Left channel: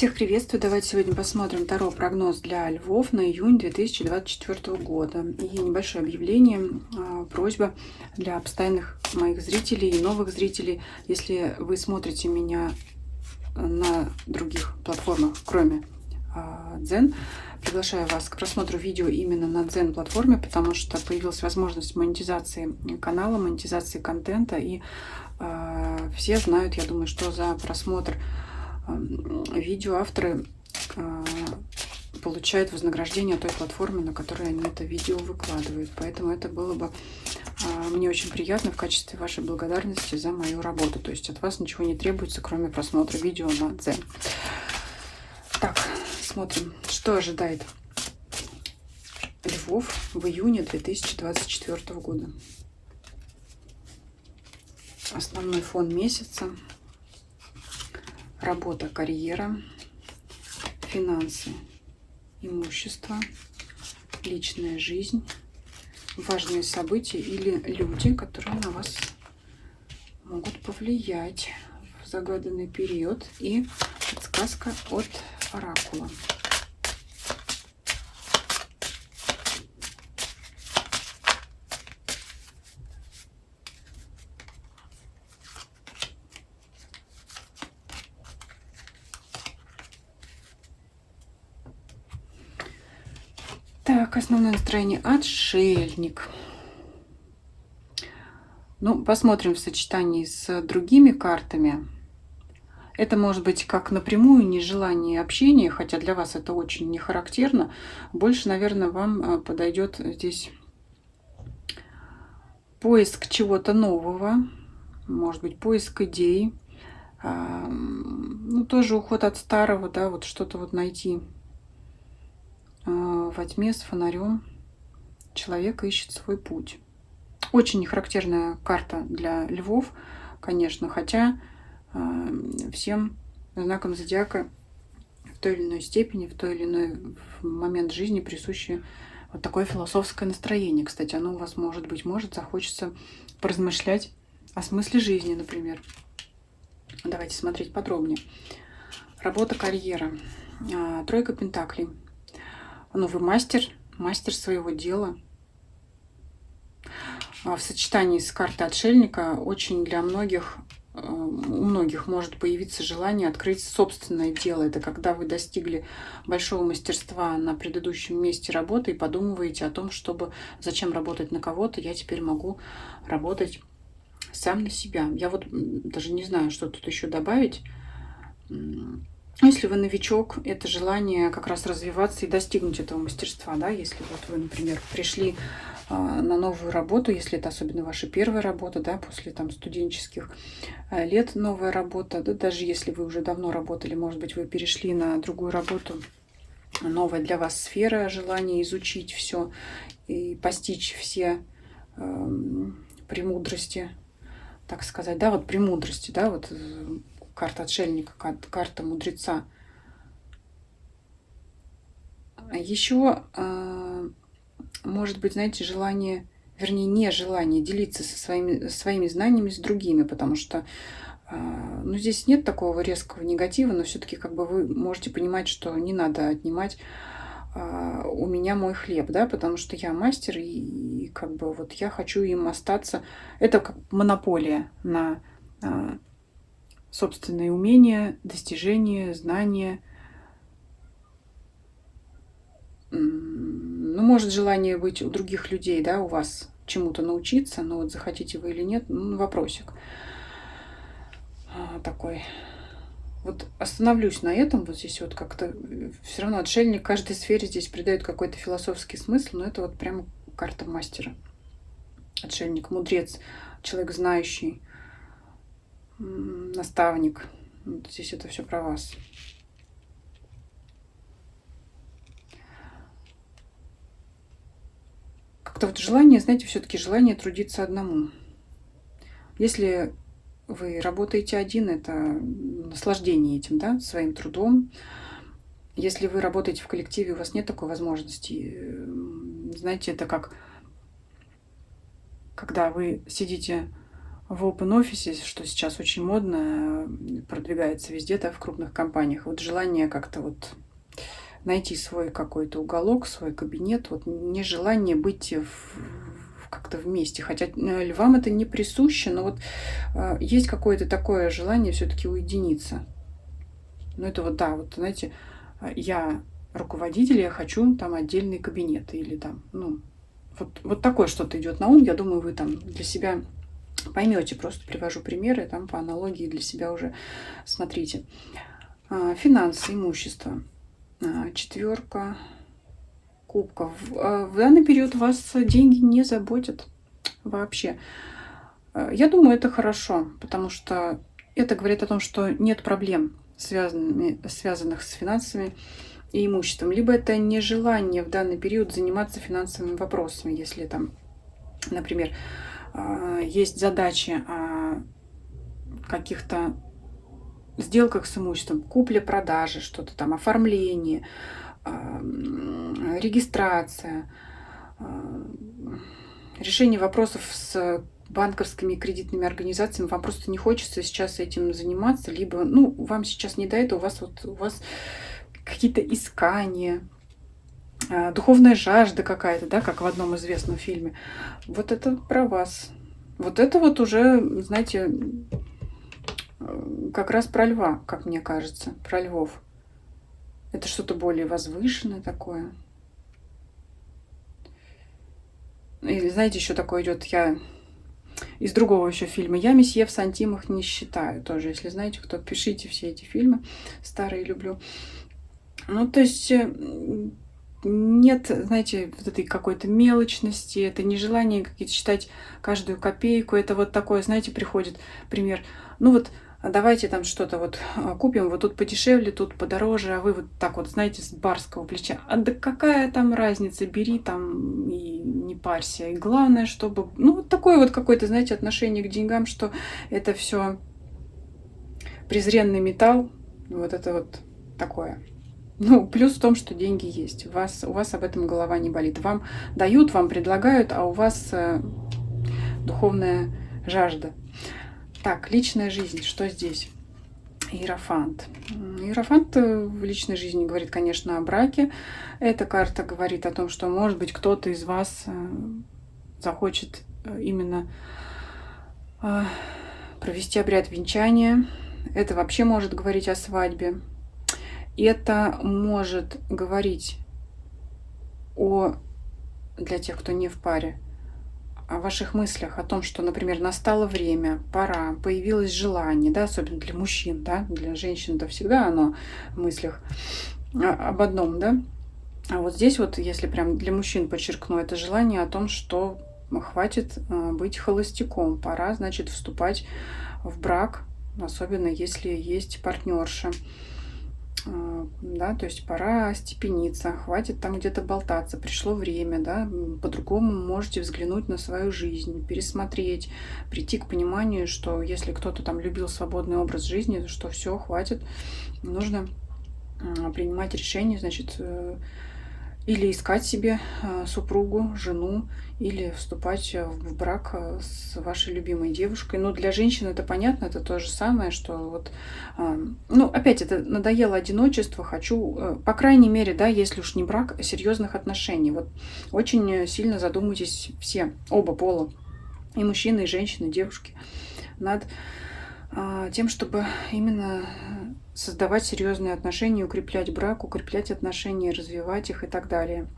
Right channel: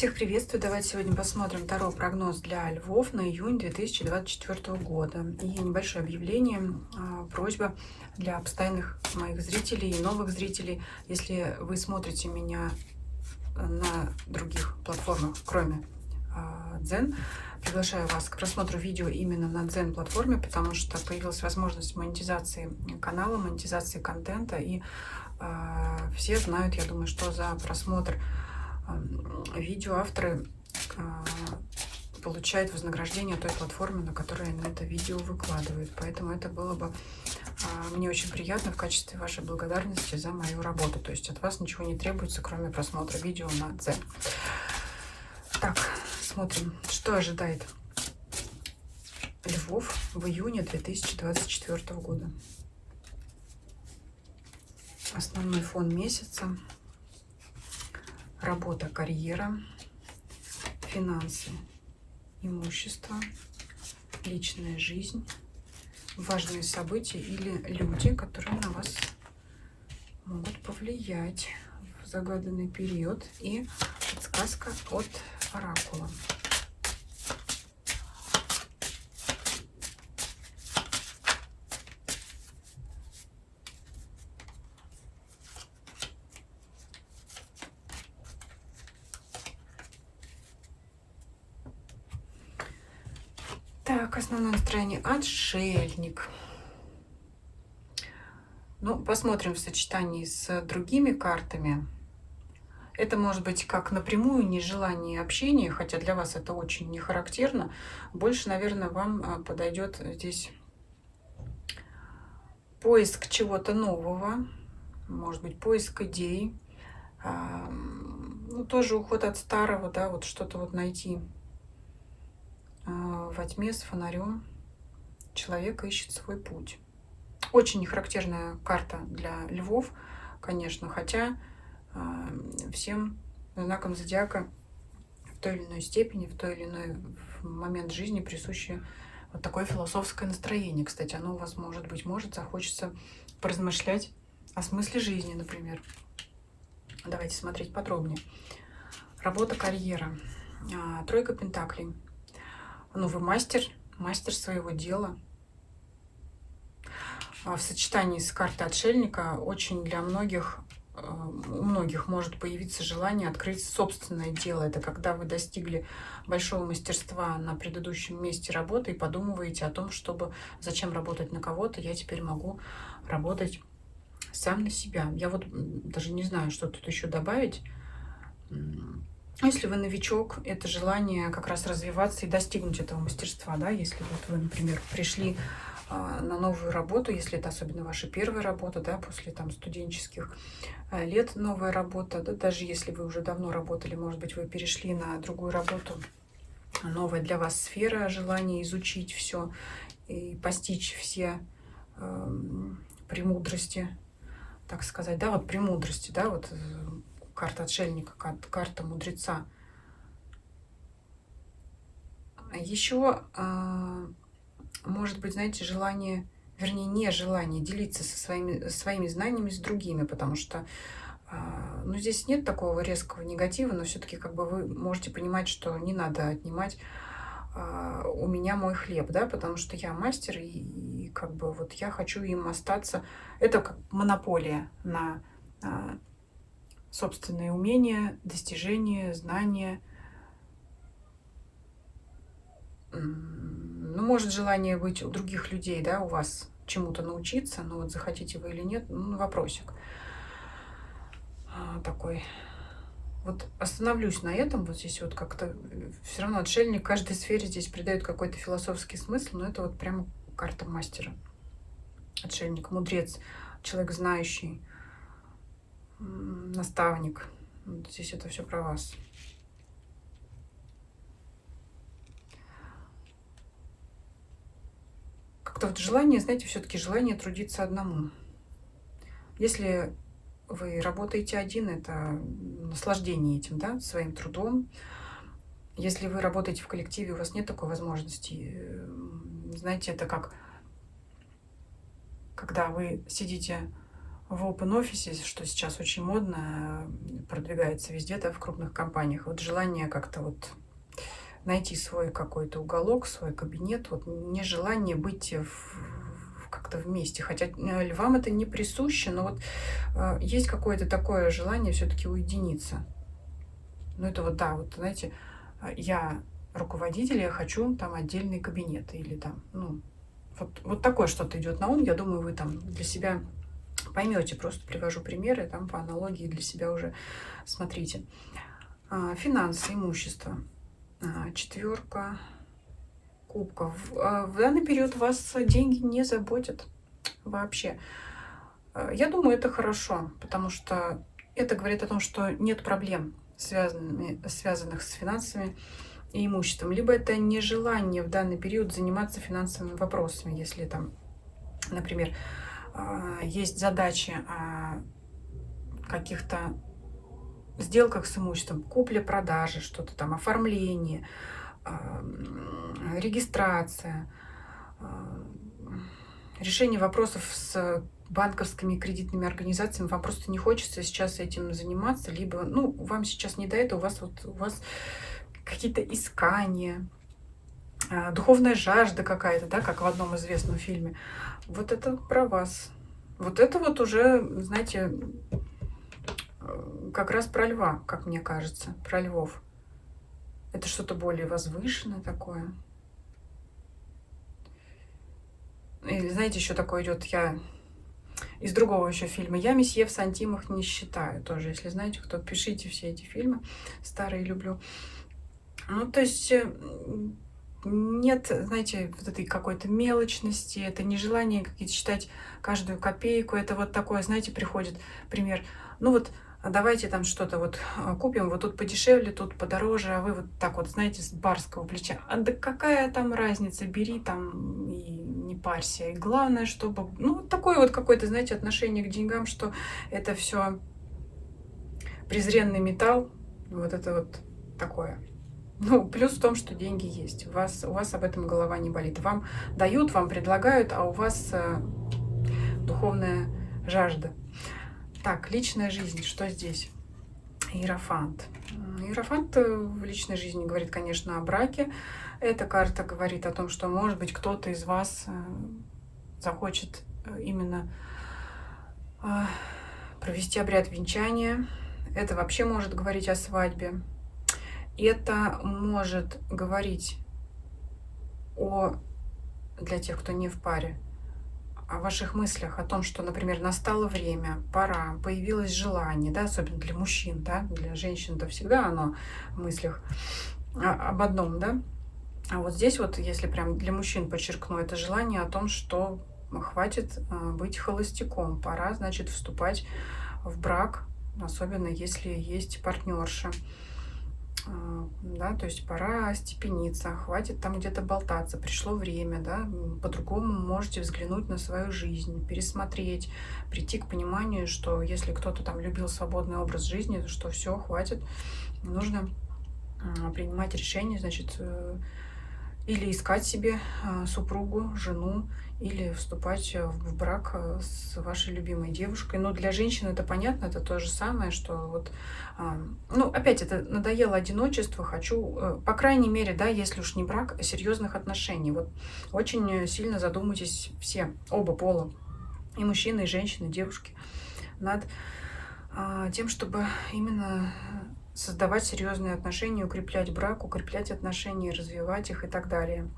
Всех приветствую! Давайте сегодня посмотрим Таро-прогноз для львов на июнь 2024 года. И небольшое объявление, просьба для постоянных моих зрителей и новых зрителей. Если вы смотрите меня на других платформах, кроме Дзен, приглашаю вас к просмотру видео именно на Дзен платформе, потому что появилась возможность монетизации канала, монетизации контента. И все знают, я думаю, что за просмотр видео авторы получают вознаграждение той платформы, на которой они это видео выкладывают. Поэтому это было бы мне очень приятно в качестве вашей благодарности за мою работу. То есть от вас ничего не требуется, кроме просмотра видео на Дзен. Так, смотрим, что ожидает львов в июне 2024 года. Основной фон месяца. Работа, карьера, финансы, имущество, личная жизнь, важные события или люди, которые на вас могут повлиять в загаданный период, и подсказка от оракула. Так, основное настроение — отшельник. Ну, посмотрим в сочетании с другими картами. Это может быть как напрямую нежелание общения, хотя для вас это очень не характерно. Больше, наверное, вам подойдет здесь поиск чего-то нового, может быть, поиск идей. Ну, тоже уход от старого, да, вот что-то вот найти. Во тьме с фонарем человек ищет свой путь. Очень нехарактерная карта для львов, конечно, хотя всем знакам зодиака в той или иной степени, в той или иной момент жизни присуще вот такое философское настроение. Кстати, оно у вас может быть, захочется поразмышлять о смысле жизни, например. Давайте смотреть подробнее. Работа, карьера. Тройка пентаклей. Ну, вы мастер своего дела. В сочетании с картой отшельника очень для многих, у многих может появиться желание открыть собственное дело. Это когда вы достигли большого мастерства на предыдущем месте работы и подумываете о том, чтобы зачем работать на кого-то, я теперь могу работать сам на себя. Я вот даже не знаю, что тут еще добавить. Если вы новичок, это желание как раз развиваться и достигнуть этого мастерства, да, если вот вы, например, пришли на новую работу, если это особенно ваша первая работа, да, после там студенческих лет новая работа, да, даже если вы уже давно работали, может быть, вы перешли на другую работу, новая для вас сфера, желание изучить все и постичь все премудрости, так сказать, да, вот премудрости, да, вот карта отшельника, карта мудреца. Еще может быть, знаете, желание, вернее, нежелание делиться своими знаниями с другими, потому что ну, здесь нет такого резкого негатива, но все-таки как бы вы можете понимать, что не надо отнимать у меня мой хлеб, да, потому что я мастер, и как бы вот я хочу им остаться. Это как монополия на собственные умения, достижения, знания. Ну, может, желание быть у других людей, да, у вас чему-то научиться, но вот захотите вы или нет, ну, вопросик такой. Вот остановлюсь на этом, вот здесь вот как-то все равно отшельник каждой сфере здесь придает какой-то философский смысл, но это вот прямо карта мастера. Отшельник, мудрец, человек знающий, наставник. Вот здесь это все про вас. Как-то вот желание, знаете, все-таки желание трудиться одному. Если вы работаете один, это наслаждение этим, да, своим трудом. Если вы работаете в коллективе, у вас нет такой возможности. Знаете, это как когда вы сидите в open офисе, что сейчас очень модно, продвигается везде, да, в крупных компаниях. Вот желание как-то вот найти свой какой-то уголок, свой кабинет, вот нежелание быть как-то вместе. Хотя львам это не присуще, но вот есть какое-то такое желание все-таки уединиться. Ну это вот, да, вот, знаете, я руководитель, я хочу там отдельный кабинет или там, ну, вот такое что-то идет на ум. Я думаю, вы там для себя поймете, просто привожу примеры, там по аналогии для себя уже смотрите. Финансы, имущество. Четверка кубков. В данный период вас деньги не заботят вообще. Я думаю, это хорошо, потому что это говорит о том, что нет проблем, связанных с финансами и имуществом. Либо это нежелание в данный период заниматься финансовыми вопросами, если там, например, есть задачи о каких-то сделках с имуществом, купля-продажа, что-то там, оформление, регистрация, решение вопросов с банковскими и кредитными организациями. Вам просто не хочется сейчас этим заниматься, либо, ну, вам сейчас не до этого, у вас какие-то искания, духовная жажда какая-то, да, как в одном известном фильме. Вот это про вас. Вот это вот уже, знаете, как раз про льва, как мне кажется, про львов. Это что-то более возвышенное такое. Или знаете, еще такое идет, я из другого еще фильма. Я месье в сантимах не считаю. Тоже, если знаете, кто, пишите все эти фильмы. Старые люблю. Ну, то есть нет, знаете, вот этой какой-то мелочности, это нежелание какие-то считать каждую копейку. Это вот такое, знаете, приходит пример. Ну вот, давайте там что-то вот купим, вот тут подешевле, тут подороже, а вы вот так вот, знаете, с барского плеча. А да какая там разница, бери там и не парься. И главное, чтобы, ну, вот такое вот какое-то, знаете, отношение к деньгам, что это все презренный металл, вот это вот такое. Ну, плюс в том, что деньги есть. У вас об этом голова не болит. Вам дают, вам предлагают, а у вас духовная жажда. Так, личная жизнь. Что здесь? Иерофант. Иерофант в личной жизни говорит, конечно, о браке. Эта карта говорит о том, что, может быть, кто-то из вас захочет именно провести обряд венчания. Это вообще может говорить о свадьбе. Это может говорить для тех, кто не в паре, о ваших мыслях, о том, что, например, настало время, пора, появилось желание, да, особенно для мужчин, да, для женщин это всегда оно в мыслях об одном, да. А вот здесь вот, если прям для мужчин подчеркну, это желание о том, что хватит быть холостяком, пора, значит, вступать в брак, особенно если есть партнерша. Да, то есть пора степениться, хватит там где-то болтаться, пришло время, да, по-другому можете взглянуть на свою жизнь, пересмотреть, прийти к пониманию, что если кто-то там любил свободный образ жизни, что все, хватит, нужно принимать решение, значит, или искать себе супругу, жену, или вступать в брак с вашей любимой девушкой. Но для женщин это понятно, это то же самое, что вот, ну, опять это надоело одиночество, хочу, по крайней мере, да, если уж не брак, серьезных отношений. Вот очень сильно задумайтесь все, оба пола, и мужчины, и женщины, и девушки, над тем, чтобы именно создавать серьезные отношения, укреплять брак, укреплять отношения, развивать их и так далее.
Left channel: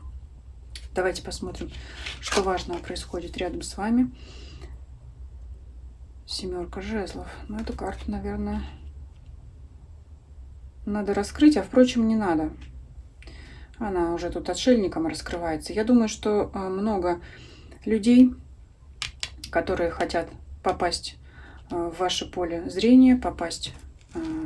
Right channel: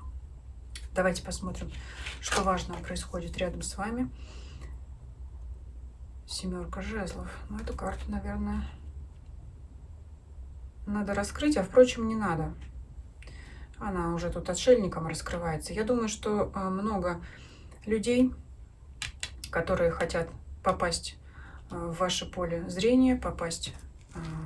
Давайте посмотрим, что важного происходит рядом с вами. Семерка жезлов. Ну, эту карту, наверное, надо раскрыть, а, впрочем, не надо. Она уже тут отшельником раскрывается. Я думаю, что много людей, которые хотят попасть в ваше поле зрения,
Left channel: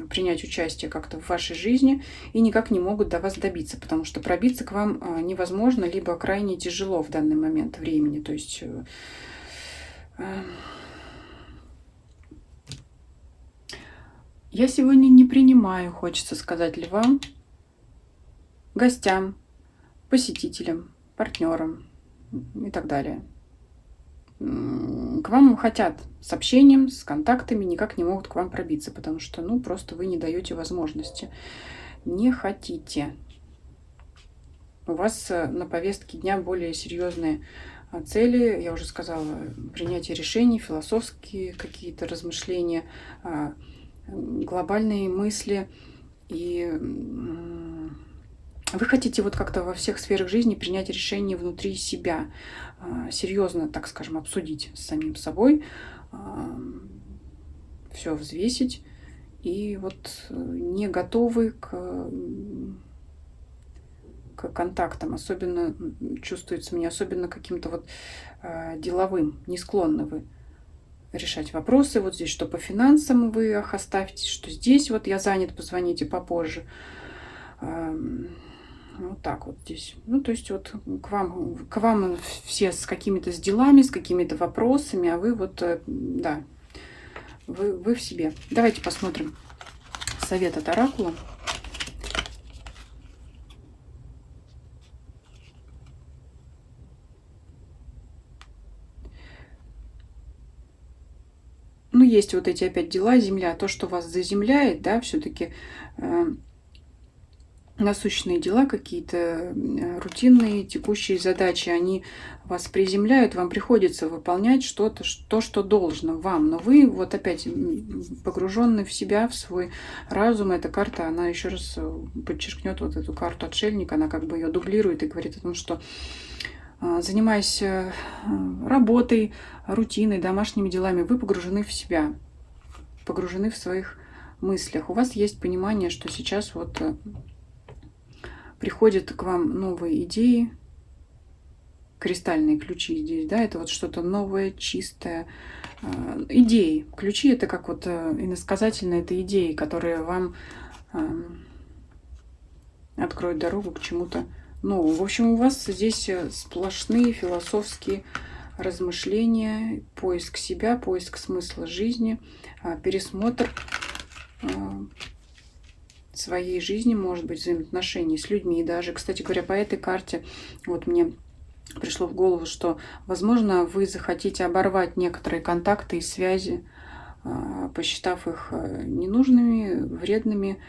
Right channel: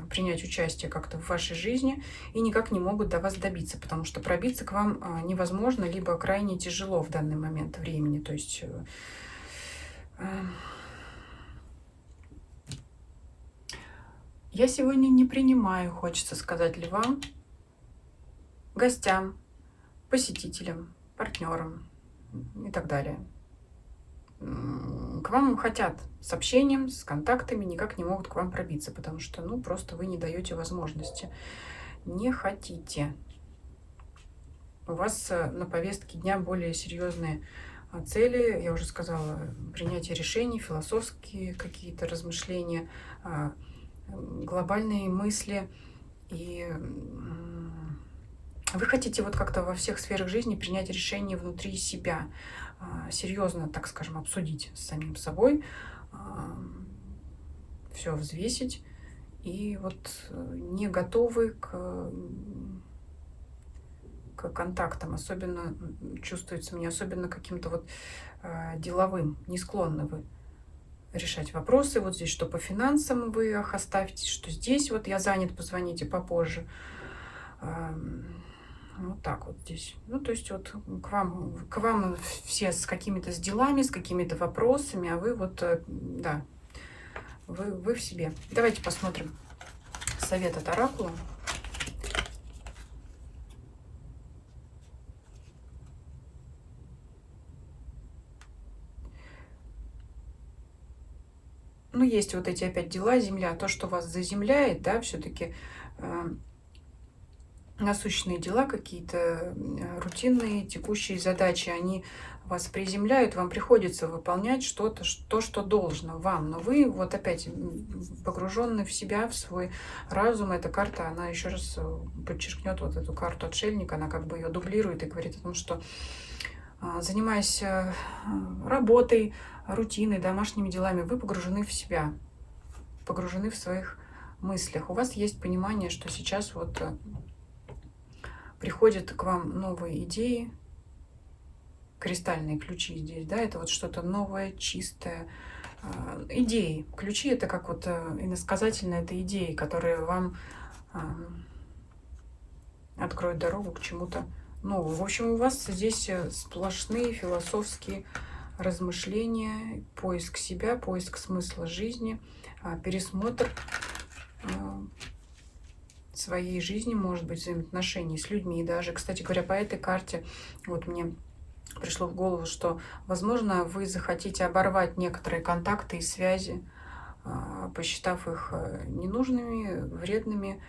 принять участие как-то в вашей жизни и никак не могут до вас добиться, потому что пробиться к вам невозможно, либо крайне тяжело в данный момент времени. То есть я сегодня не принимаю, хочется сказать, львам, гостям, посетителям, партнерам и так далее. к вам хотят с общением, с контактами, никак не могут к вам пробиться, потому что, ну, просто вы не даете возможности. Не хотите. У вас на повестке дня более серьезные цели. Я уже сказала, принятие решений, философские какие-то размышления, глобальные мысли. И вы хотите вот как-то во всех сферах жизни принять решение внутри себя, серьезно, так скажем, обсудить с самим собой, все взвесить, и вот не готовы к контактам, особенно чувствуется мне, особенно каким-то вот деловым, не склонны вы решать вопросы. Вот здесь, что по финансам вы их оставьте, что здесь вот я занят, позвоните попозже. Вот так вот здесь. Ну, то есть вот к вам все с какими-то с делами, с какими-то вопросами, а вы вот, да, вы в себе. Давайте посмотрим совет от оракула. Ну, есть вот эти опять дела, земля, то, что вас заземляет, да, все-таки насущные дела какие-то, рутинные, текущие задачи, они вас приземляют, вам приходится выполнять что-то, то, что должно вам. Но вы вот опять погружены в себя, в свой разум. Эта карта, она еще раз подчеркнет вот эту карту отшельника, она как бы ее дублирует и говорит о том, что занимаясь работой, рутиной, домашними делами, вы погружены в себя, погружены в своих мыслях. У вас есть понимание, что сейчас вот приходят к вам новые идеи, кристальные ключи здесь, да, это вот что-то новое, чистое. Идеи. Ключи это как вот иносказательно, это идеи, которые вам откроют дорогу к чему-то новому. В общем, у вас здесь сплошные философские размышления, поиск себя, поиск смысла жизни, пересмотр своей жизни, может быть, взаимоотношений с людьми. И даже, кстати говоря, по этой карте вот мне пришло в голову, что, возможно, вы захотите оборвать некоторые контакты и связи, посчитав их ненужными, вредными,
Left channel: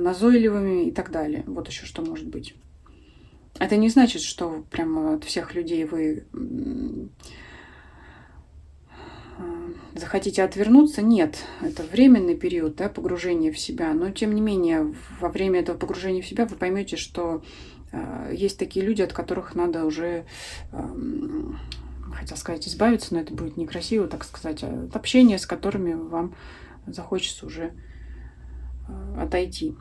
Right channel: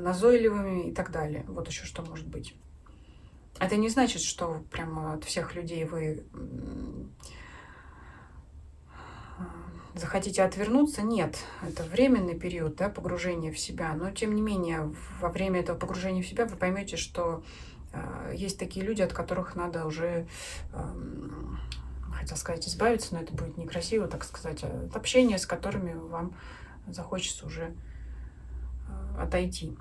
назойливыми и так далее. Вот еще что может быть. Это не значит, что прямо от всех людей вы захотите отвернуться. Нет, это временный период, да, погружения в себя. Но, тем не менее, во время этого погружения в себя вы поймете, что есть такие люди, от которых надо уже, хотел сказать, избавиться, но это будет некрасиво, так сказать, от общения, с которыми вам захочется уже отойти.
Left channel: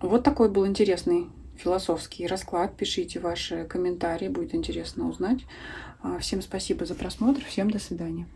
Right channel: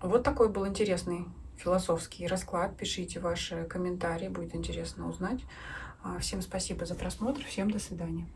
Вот такой был интересный философский расклад. Пишите ваши комментарии, будет интересно узнать. Всем спасибо за просмотр, всем до свидания.